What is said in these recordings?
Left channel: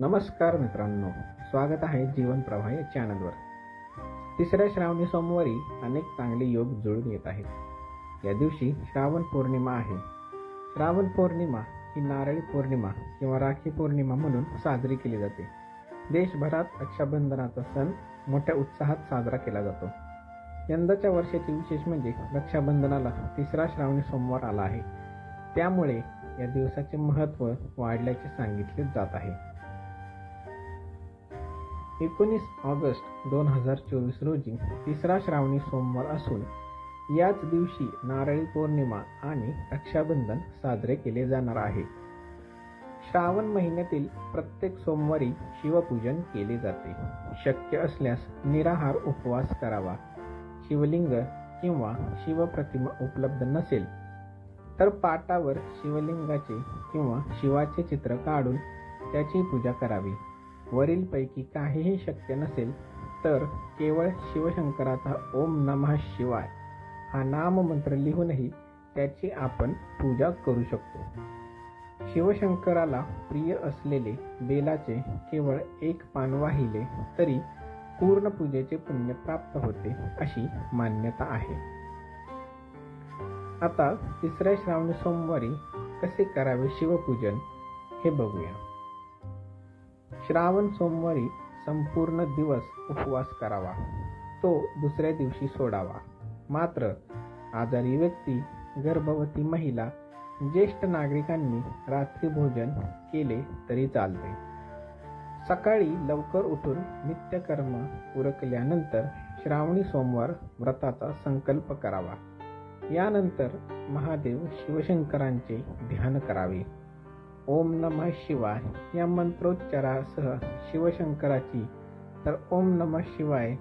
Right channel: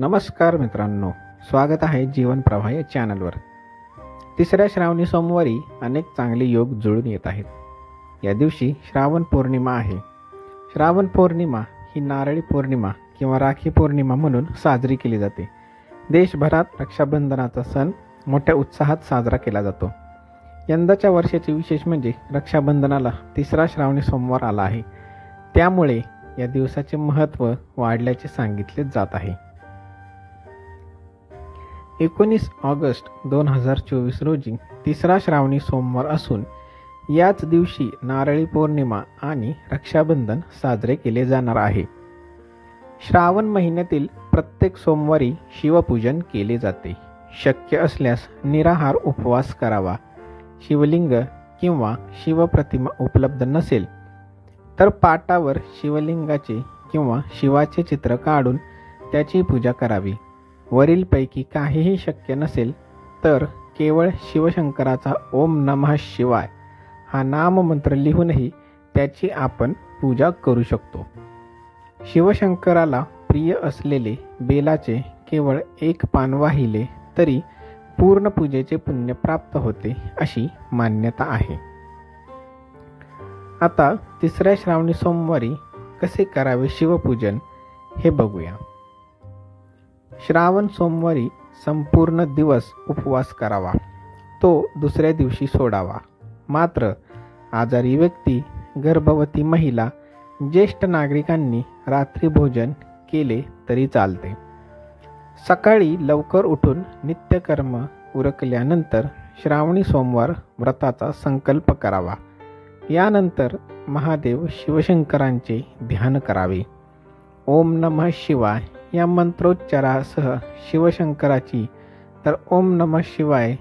नमस्कार मित्रांनो, स्वागत आहे जीवन प्रवाह या चॅनलवर। तिसऱ्या श्रावणी सोमवारी अनेक चांगले योग जुळून येत आहेत। या दिवशी श्रावण पौर्णिमा आहे। श्रावण पौर्णिमा ही नारळी पौर्णिमा किंवा राखी पौर्णिमा म्हणून साजरी केली जाते। देशभरात रक्षाबंधनाचा सण मोठ्या उत्साहात साजरा केला जातो। यंदाच्या वर्षाचे विशेष म्हणजे रक्षाबंधनाला तिसरा श्रावणी सोमवार आला आहे, त्यामुळे या दिवसाचे महत्त्व वाढल्याचे सांगितले जात आहे। 19 ऑगस्ट 2024 रोजी तिसरा श्रावणी सोमवार असून याच दिवशी नारळी पौर्णिमा आणि रक्षाबंधन साजरे केले जाणार आहे। श्रावण महिन्यातील प्रत्येक सोमवारी शिवपूजन केले जाते। शक्य असल्यास निराहार उपवास करावा। शिवलिंग किंवा शिवप्रतिमा उपलब्ध नसेल तर पाटावर शिवलिंगाचे किंवा शिवाचे चित्र काढून त्याची पूजा करावी। वरीलपैकी काहीही शक्य नसेल तर केवळ शिवशंकराचा ओम नमः शिवाय हा नाममंत्र लिहूनही त्याची आपण पूजा करू शकतो। शिवशंकराला प्रिय असलेले बेलाचे केवळ एक पान वाहिले तरी पूर्ण पूजेचे पुण्य प्राप्त होते अशी मान्यता आहे। आता तिसऱ्या श्रावणी सोमवारी कसे करावे शिवपूजन हे बघूया। श्रावण सोमवारी संपूर्ण दिवस उपवास करावा, तो दुसऱ्या दिवशी सोडावा। मात्र आजारी व्यक्ती, गर्भवती महिला, ज्येष्ठ नागरिकांनी रात्री भोजन केले तरी चालते। सकाळी लवकर उठून नित्यकर्म उरकल्यानंतर श्रावणी सोमवार व्रताचा संकल्प करावा। यानंतर महादेव शिवशंकरांचे ध्यान करावे। ओम नमः शिवाय या मंत्रोच्चारासह शिवशंकराची तर ओम नमः शिवाय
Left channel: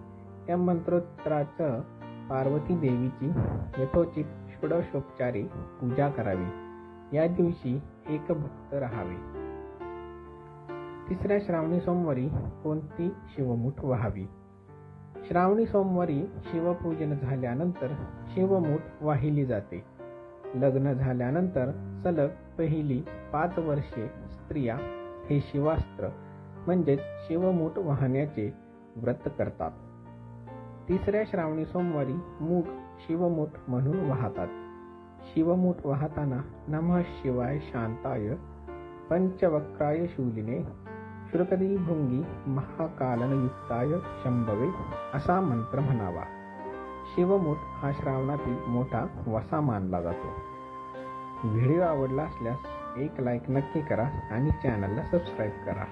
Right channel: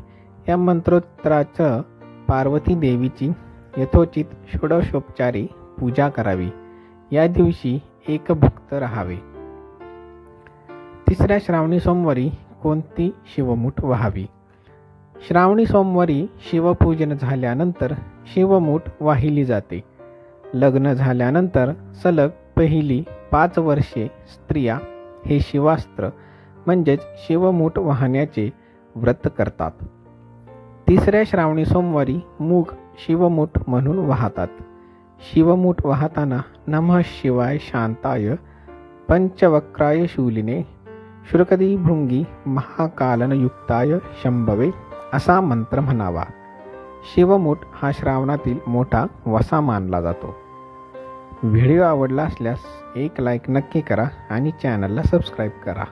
या मंत्रोच्चारासह पार्वती देवीची यथोचित षोडशोपचारी पूजा करावी। या दिवशी एकभुक्त राहावे। तिसऱ्या श्रावणी सोमवारी कोणती शिवमूठ वाहावी? श्रावणी सोमवारी शिवपूजन झाल्यानंतर शिवमूठ वाहिली जाते। लग्न झाल्यानंतर सलग पहिली 5 वर्षे स्त्रिया हे शिवास्त्र म्हणजेच शिवमूठ वाहण्याचे व्रत करतात। तिसऱ्या श्रावणी सोमवारी मूग शिवमूठ म्हणून वाहतात। शिवमूठ वाहताना नमः शिवाय शांताय पंचवक्राय शूलिने शुरकदी भृंगी महाकालनयुक्ताय शंभवे असा मंत्र म्हणावा। शिवमूठ हा श्रावणातील मोठा वसा मानला जातो। व्हिडिओ आवडला असल्यास एक लाईक नक्की करा आणि चॅनलला सबस्क्राईब करा।